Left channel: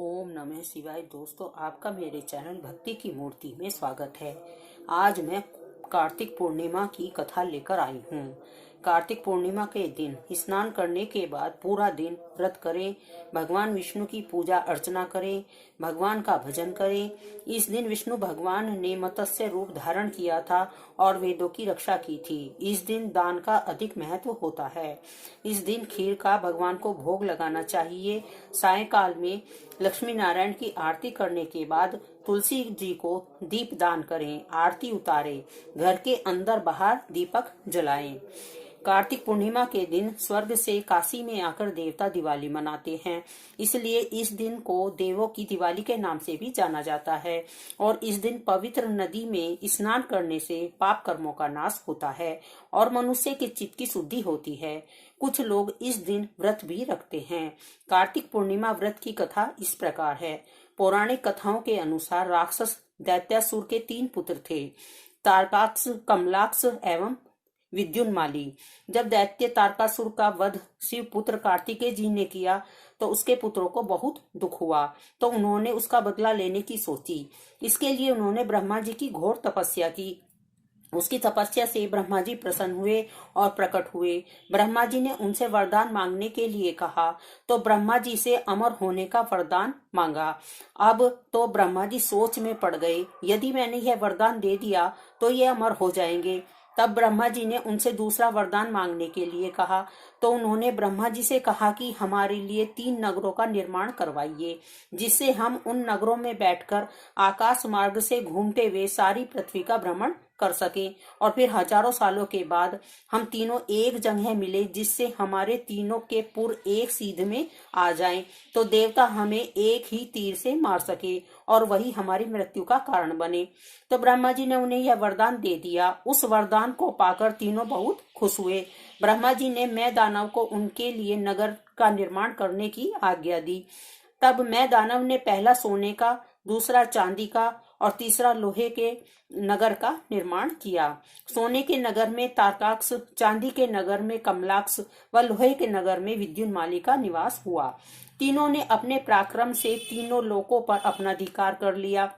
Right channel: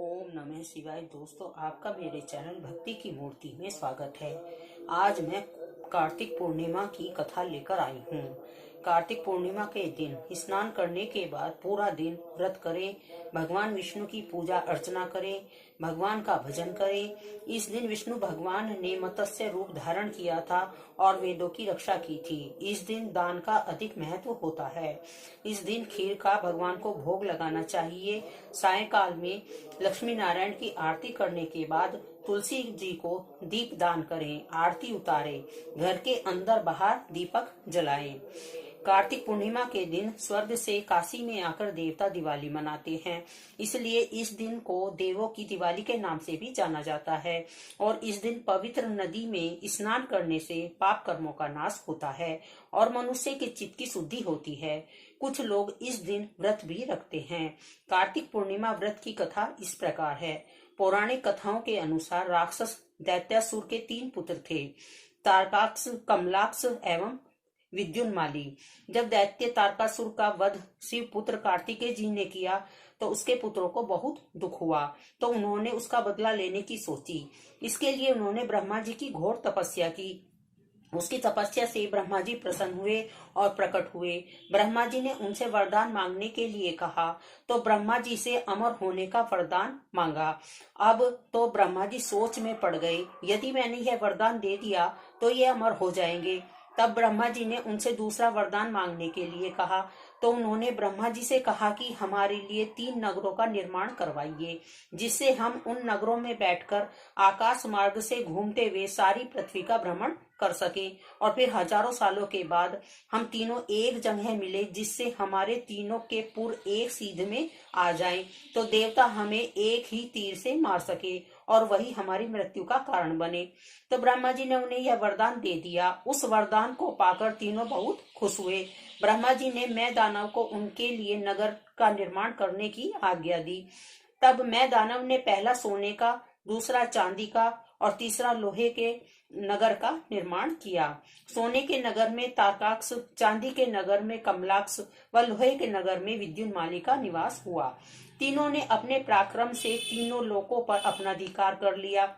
ओम नमः शिवाय। दोस्तों, आपका मेरे चैनल भक्ति की मूर्ति में स्वागत है। आज मैं कार्तिक पूर्णिमा की कथा लेकर आई हूँ। कार्तिक पूर्णिमा के दिन स्नान करने के बाद पूरा दिन व्रत करें, भगवान विष्णु की पूजा अर्चना करें, भगवान का भजन करें। इस दिन विष्णु भगवान ने मत्स्य रूप धारण किया था और वेदों की रक्षा की थी। इस दिन दान का अधिक महत्व होता है। इस दिन खीर का भगवान को भोग लगाना चाहिए। सायंकाल में लक्ष्मी नारायण की आरती करने के बाद तुलसी जी को दीप दान करें, आरती उतारें, घर के अंदर बाहर दीपक जलाएं। कार्तिक पूर्णिमा के दिन स्वर्ग से काशी में आकर देवता दिवाली मनाते हैं, इसलिए इस दिन को देवों की दिवाली के नाम से भी जाना जाता है। और इस दिन पवित्र नदी में स्नान करने से पाप कर्मों का नाश होता है और मनुष्य के चित्त की शुद्धि होती है। कुछ लोग इस दिन व्रत भी रखते हैं। कार्तिक पूर्णिमा व्रत की कथा इस प्रकार है। पौराणिक कथाओं के अनुसार राक्षस दैत्यासुर के 3 पुत्र थे, तारकाक्ष, कमलाक्ष एवं विद्युन्माली। जब दैत्य तारकासुर का वध शिव पुत्र कार्तिकेय जी ने किया तो उसके पुत्रों को बहुत दुख हुआ, तो उन्होंने उसका बदला लेने की सोची। इसके लिए उन्होंने ब्रह्मा जी की घोर तपस्या की। उसकी तपस्या से ब्रह्मा जी प्रसन्न हुए और प्रकट हुए। ब्रह्मा जी ने उनसे वरदान मांगने के लिए कहा, तो ब्रह्मा जी से अमर होने का वरदान मांगा। अब तो ब्रह्मा जी सोच में पड़ गए, यदि मैंने यह वरदान दे दिया तो ये अमर हो जाएंगे। तब ब्रह्मा जी ने उनसे दूसरा वरदान मांगने के लिए कहा, तो उन्होंने ब्रह्मा जी से कहा कि हमारे लिए 3 नगरों का निर्माण करवाइए, जिससे हम उन नगरों में बैठकर आकाश मार्ग से घूमते हुए सारी पृथ्वी का भ्रमण कर सकें और फिर हजारों सालों के बाद हम तीनों एक जगह मिले, जिससे हमारे तीनों के पुर एक सीध में आ जाएं, तो देवता हमें एक ही तीर से मार सके और वही हमारी मृत्यु का कारण बने। तो ब्रह्मा जी ने उन्हें यह वरदान दे दिया। उस वरदान को पाकर तीनों बहुत खुश हुए। ब्रह्मा जी ने मैं दानव को उनके लिए नगर का निर्माण करने की आज्ञा दी। तब मैं दानव ने पहला सोने का, दूसरा चांदी का और तीसरा लोहे के नगर का निर्माण किया। सोने के नगर में तारकाक्ष, चांदी के नगर में कमलाक्ष व लोहे के नगर में विद्युन्माली का निवास हुआ। तीनों ने अपने पराक्रम से तीनों लोकों पर अपना अधिकार कर लिया।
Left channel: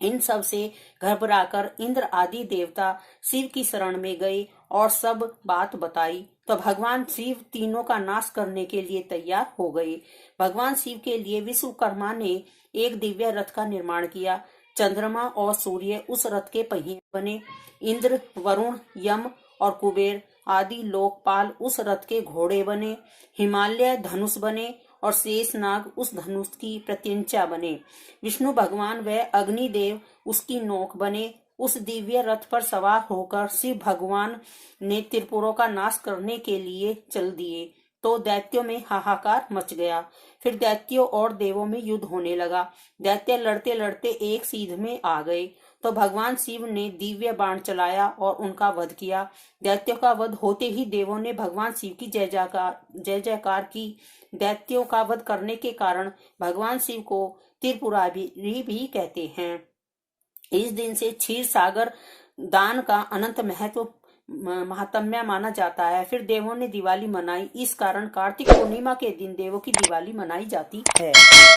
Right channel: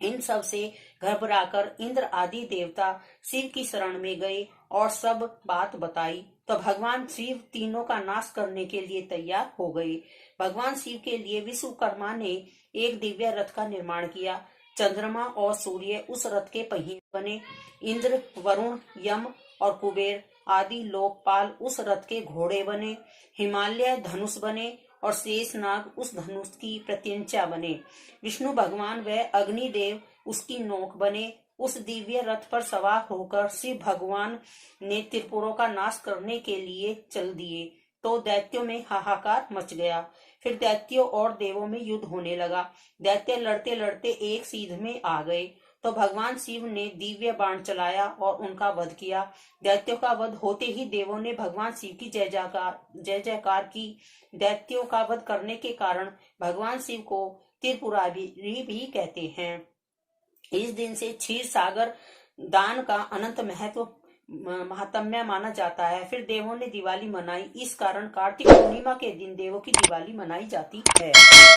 इन सब से घबराकर इंद्र आदि देवता शिव की शरण में गए और सब बात बताई, तो भगवान शिव तीनों का नाश करने के लिए तैयार हो गए। भगवान शिव के लिए विश्वकर्मा ने एक दिव्य रथ का निर्माण किया। चंद्रमा और सूर्य उस रथ के पहिए बने। इंद्र, वरुण, यम और कुबेर आदि लोकपाल उस रथ के घोड़े बने। हिमालय धनुष बने और शेषनाग उस धनुष की प्रत्यंचा बने। विष्णु भगवान व अग्निदेव उसकी नोक बने। उस दिव्य रथ पर सवार होकर शिव भगवान ने त्रिपुरों का नाश करने के लिए चल दिए, तो दैत्यों में हाहाकार मच गया। फिर दैत्यों और देवों में युद्ध होने लगा। दैत्य लड़ते लड़ते एक सीध में आ गए, तो भगवान शिव ने दिव्य बाण चलाया और उनका वध किया। दैत्यों का वध होते ही देवों ने भगवान शिव की जय जयकार की। दैत्यों का वध करने के कारण भगवान शिव को त्रिपुरारी भी कहते हैं। इस दिन से क्षीर सागर दान का अनंत महात्म्य माना जाता है। फिर देवों ने दिवाली मनाई। इस कारण कार्तिक पूर्णिमा के दिन देवों की दिवाली मनाई जाती है।